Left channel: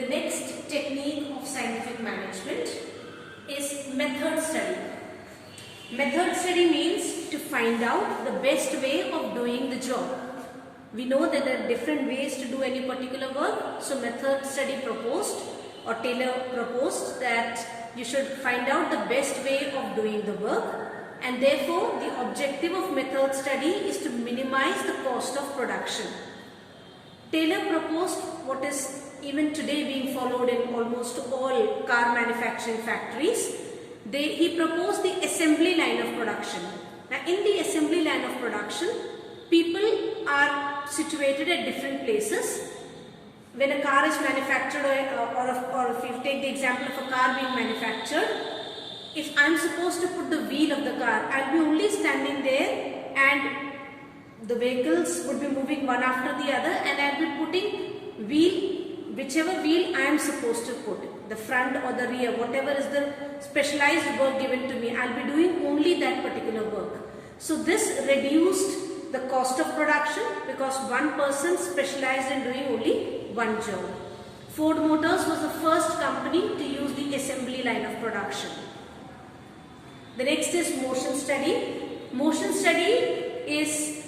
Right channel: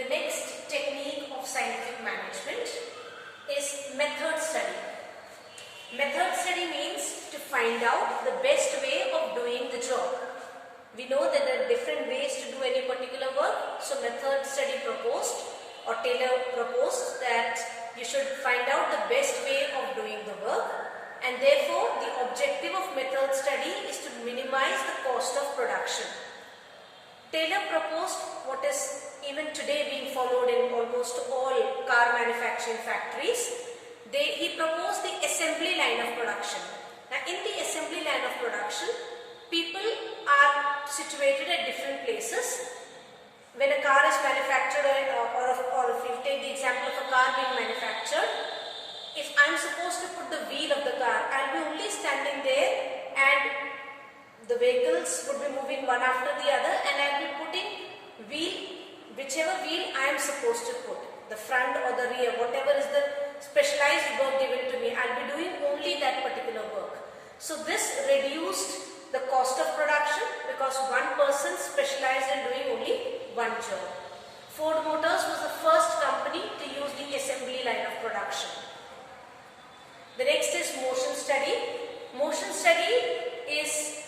The next technique of scientific management is method study. Method study means to find out the best way of doing the job. We know that there are different ways to do any particular work. So method study proposed, or Taylor proposed, that you should find out the best way of doing the work, and therefore the objective of method study is to minimize the cost of production. Taylor proposed what is even today being followed in almost all car manufacturing factories. He proposed the assembly line of production. Now in the assembly line of production, people are situated at different places. When a car is manufactured, or if you take the example of a car being manufactured, if I am supposed to put the wheel of the car, I will be only standing there and the vehicles would be moving one after the other, and I will be putting whichever wheel I am supposed to put, the front or the rear, whatever is the specialized work given to me, I will be doing only that particular work. So this reduced the cost of production because one person specialized in doing only one job. Ford Motors was the first company to use the assembly line of production. The next is motion study. Motion study is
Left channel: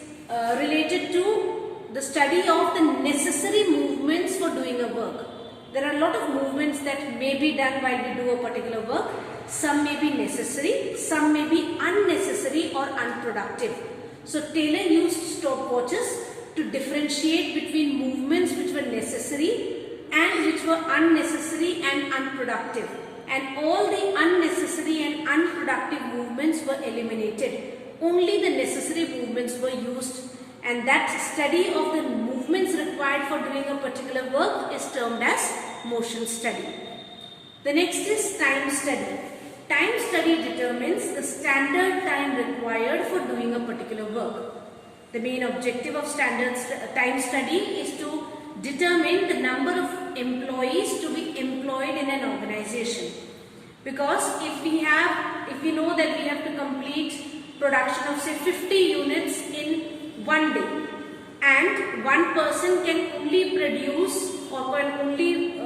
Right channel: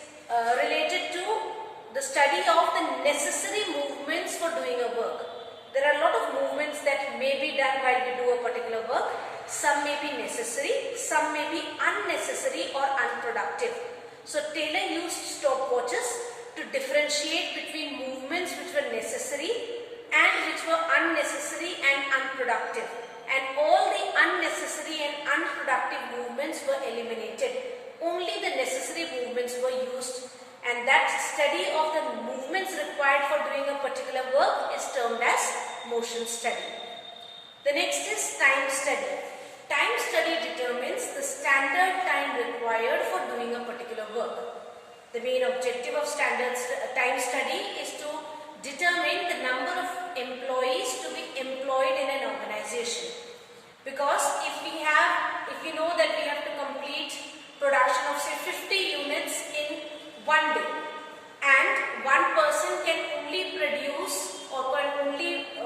related to the study of the necessary movements for doing a work. There are a lot of movements that may be done while we do a particular work. Some may be necessary, some may be unnecessary or unproductive. So Taylor used stopwatches to differentiate between movements which were necessary and which were unnecessary and unproductive. And all the unnecessary and unproductive movements were eliminated. Only the necessary movements were used, and that study of the movements required for doing a particular work is termed as motion study. The next is time study. Time study determines the standard time required for doing a particular work. The main objective of standard time study is to determine the number of employees to be employed in an organization. Because if we know that we have to complete production of say 50 units in one day, and one person can only produce or can only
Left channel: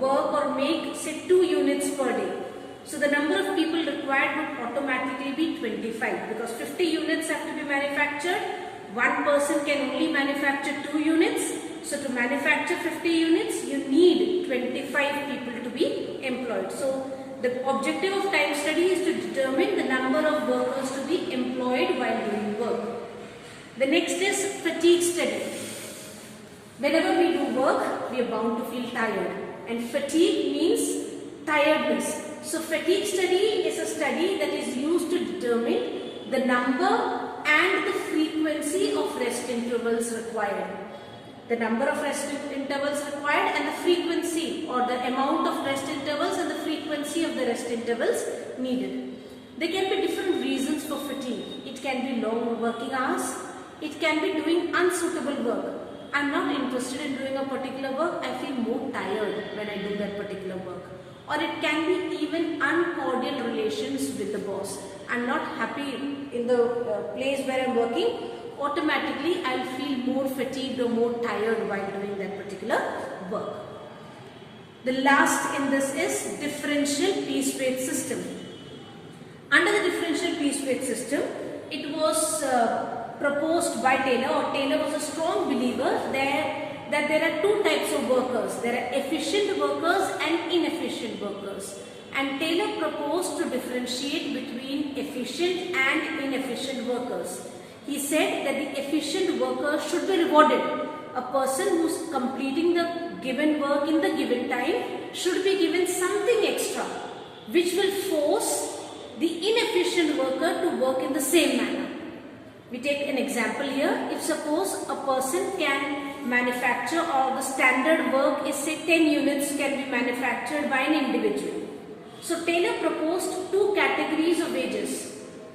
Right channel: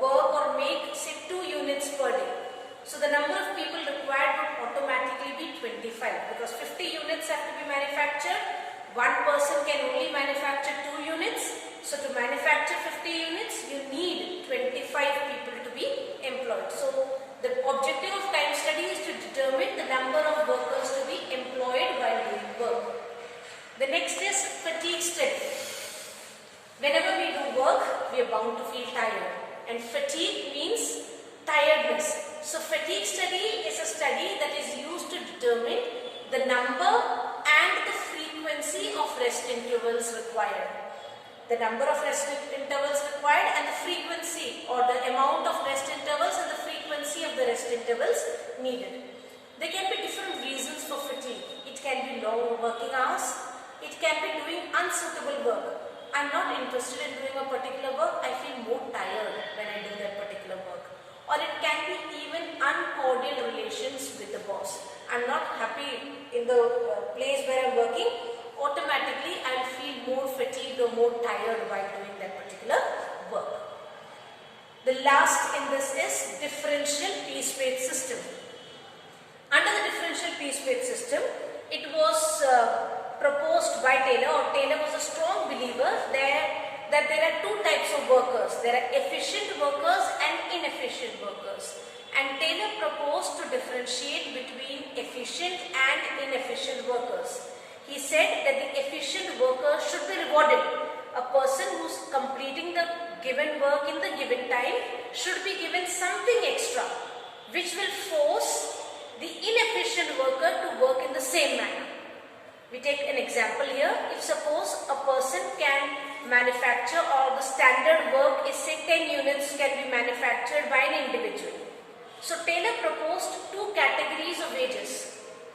work or make say 2 units per day. So the number of people required would automatically be 25, because 50 units have to be manufactured. One person can only manufacture 2 units. So to manufacture 50 units, you need 25 people to be employed. So the objective of time study is to determine the number of workers to be employed while doing work. The next is fatigue study. Whenever we do work, we are bound to feel tired, and fatigue means tiredness. So fatigue study is a study that is used to determine the number and the frequency of rest intervals required. The number of rest intervals required and the frequency, or the amount of rest intervals and the frequency of the rest intervals needed. There can be different reasons for fatigue. It can be long working hours. It can be doing unsuitable work. I'm not interested in doing a particular work. I feel more tired when I do that particular work. Or it can be even uncordial relations with the boss. I'm not happy in the place where I'm working. Automatically I'll feel more fatigued or more tired while doing that particular work. The last in this is differential piece weight system. Under the differential piece weight system, it was proposed by Taylor, or Taylor was a strong believer that there are 2 types of workers. There are efficient workers and inefficient workers. And Taylor proposed to differentiate between efficient and inefficient workers. He said that the efficient worker should be rewarded. A person who is completing the given work in the given time should be given something extra, which will force the inefficient worker to work in the same manner. We take an example here. If suppose a person can manufacture, or the standard work is say 10 units can be manufactured by an individual. So Taylor proposed 2 categories of wages.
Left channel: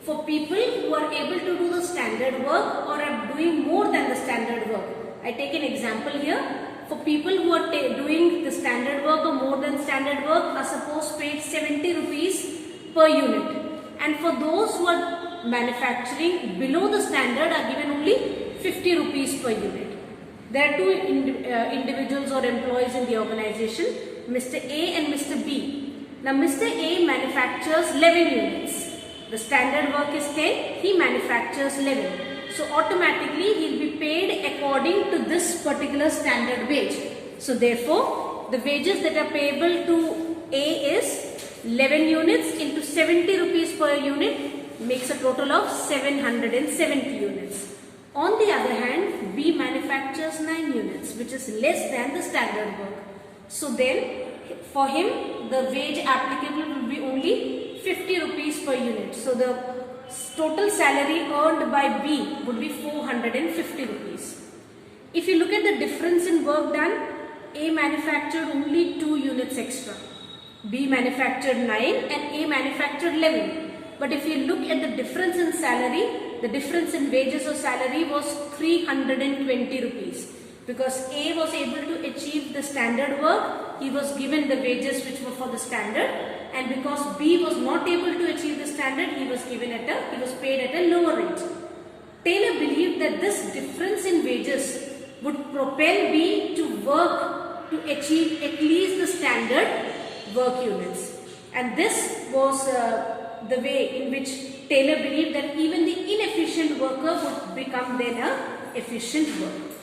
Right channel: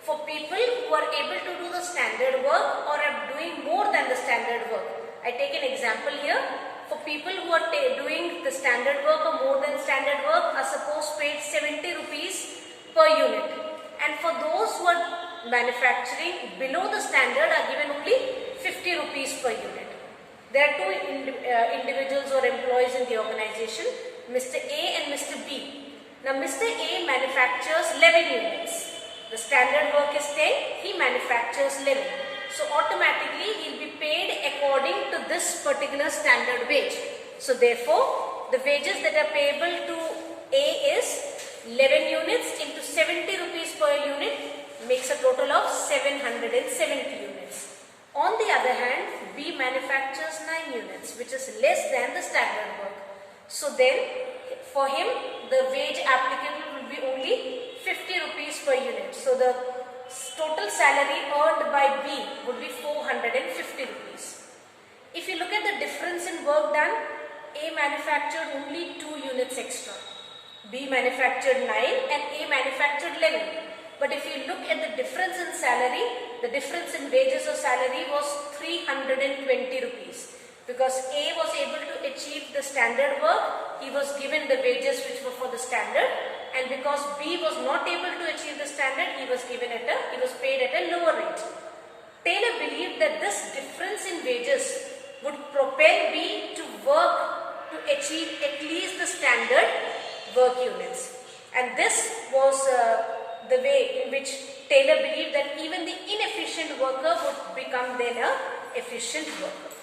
For people who are able to do the standard work or are doing more than the standard work. I take an example here. For people who are doing the standard work or more than standard work are supposed paid 70 rupees per unit. And for those who are manufacturing below the standard are given only 50 rupees per unit. There are 2 individuals or employees in the organization, Mr. A and Mr. B. Now Mr. A manufactures 11 units. The standard work is 10, he manufactures 11. So automatically he will be paid according to this particular standard wage. So therefore, the wages that are payable to A is 11 units into 70 rupees per unit makes a total of 770 units. On the other hand, B manufactures 9 units, which is less than the standard work. So then, for him, the wage applicable will be only 50 rupees per unit. So the total salary earned by B would be 450 rupees. If you look at the difference in work done, A manufactured only 2 units extra. B manufactured 9 and A manufactured 11. But if you look at the difference in salary, the difference in wages or salary was 320 rupees. Because A was able to achieve the standard work, he was given the wages which were for the standard, and because B was not able to achieve the standard, he was paid at a lower rate. Taylor believed that this difference in wages would propel B to work to achieve at least the standard work units. And this was the way in which Taylor believed that even the inefficient worker would become then an efficient worker.